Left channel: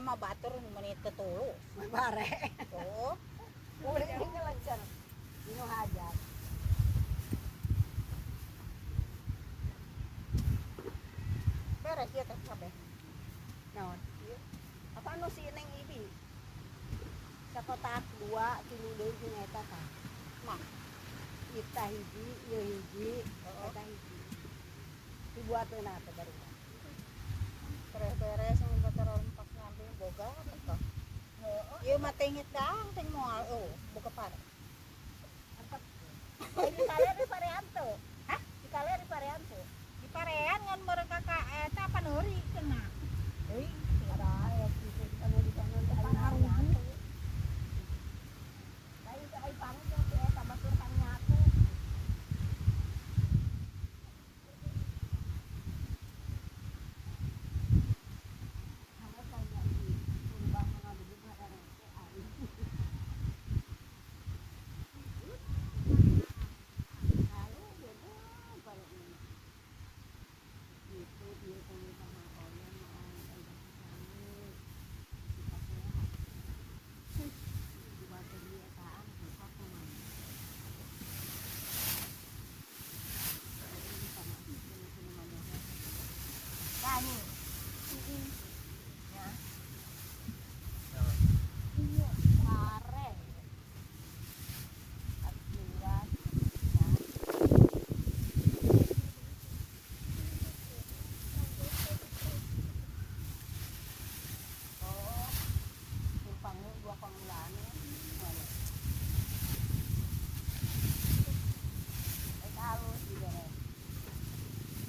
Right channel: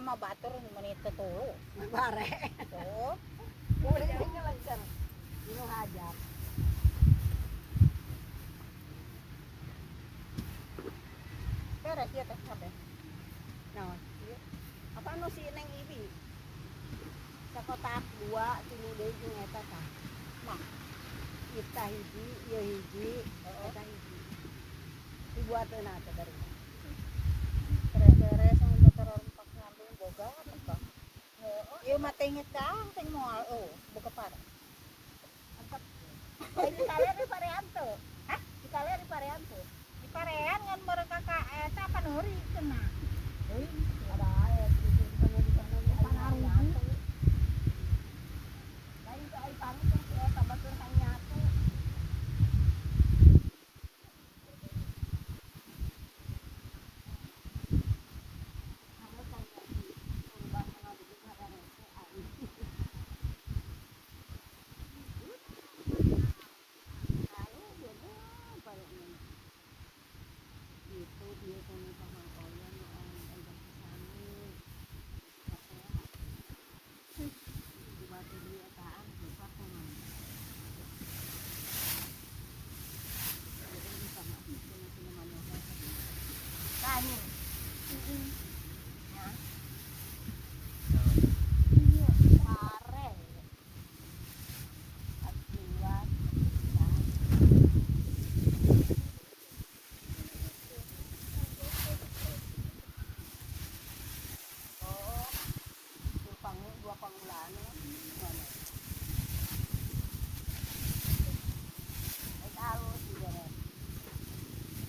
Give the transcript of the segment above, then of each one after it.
mah batur menit tuh. Bare. Tuh. Udah ini lancar. Ini hajar. Beres ya teh kabeh. Naon? Apa nu si Neng Ibi? Sakotak 2 tilu deui jeung eta tah. Mah, Ita hiji, ieu hiji, eta hiji. Dibuateun teh baru. kere-kere sama motor rempak ngambil boga apa. Ieu mah tengit dang teng moal buka pada. Antep. Di kale di Pareanto. Hah? Di kale di Pareanto. Parean ngan mereka ka eta panuri kena. Euy, Ada air di sana di air nyatu. Lain teh air panas yang si eta batur hang nyatu.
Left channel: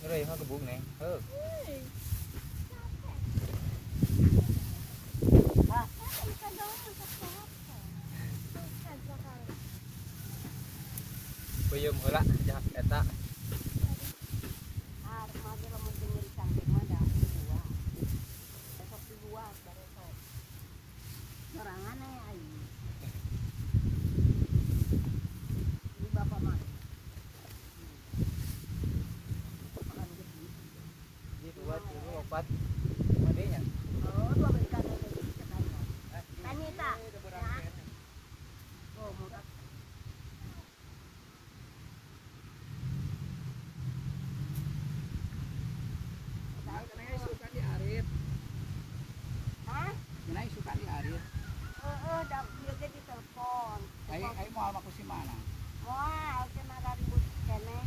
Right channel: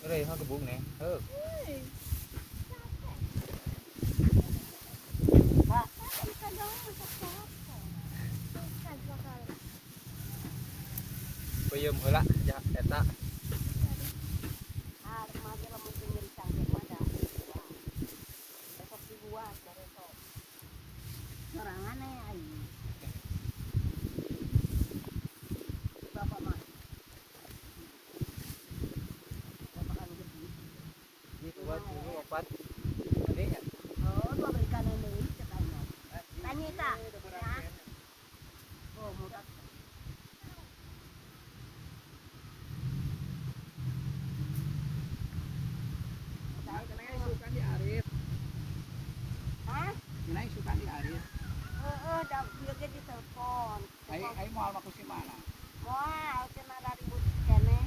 Đây hoa cái buông nè. Bây giờ mới lạ, dạ, eta. Buat dulu obat mandinya. Ay mahal ako si Mana. Wah, kena dari kene,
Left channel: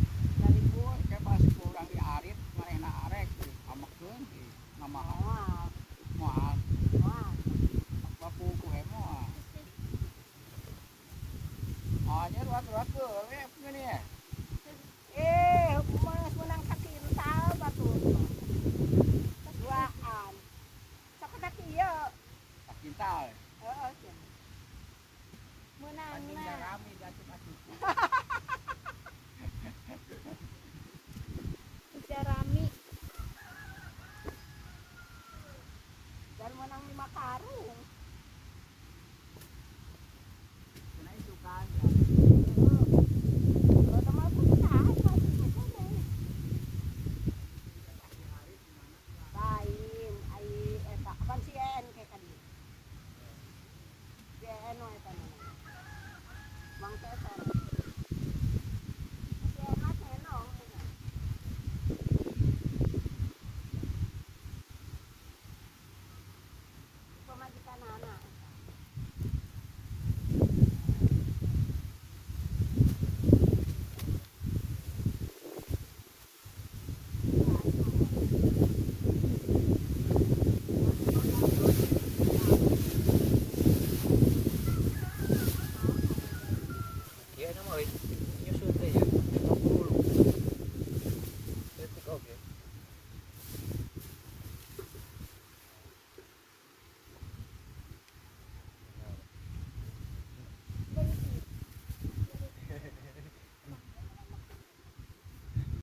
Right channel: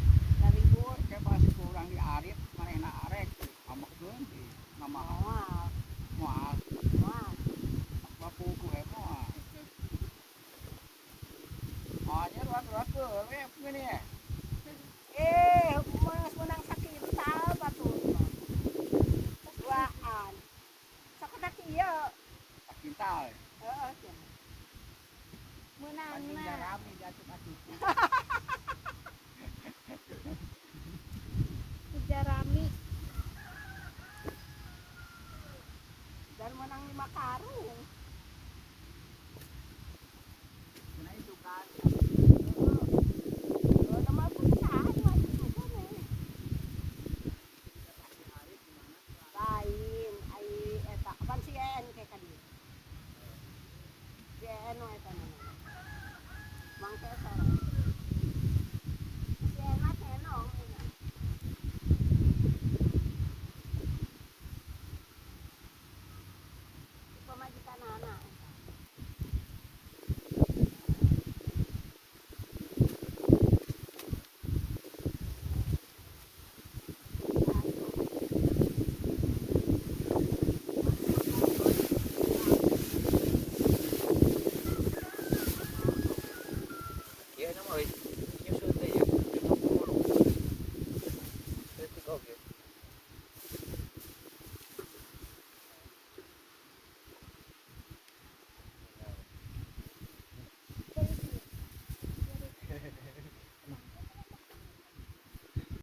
dari bul. Kaya masuk ke orang di arit, karena arek, mamakun, mahal. Wah, Mahal. wah. Bapu ko mo. Hanya ruat-ruat ko, ini ya. Hukuman sunang sakit tahu batu. Duaan. Sakudak iya. Kintal. Heeh. Menang Anjing na. rame jatuh-jatuh. Jarami. Dan menang 5 karung. Nah itu kan. Lain, ai eta kapan si en kayak kan. Si en eta. Mangke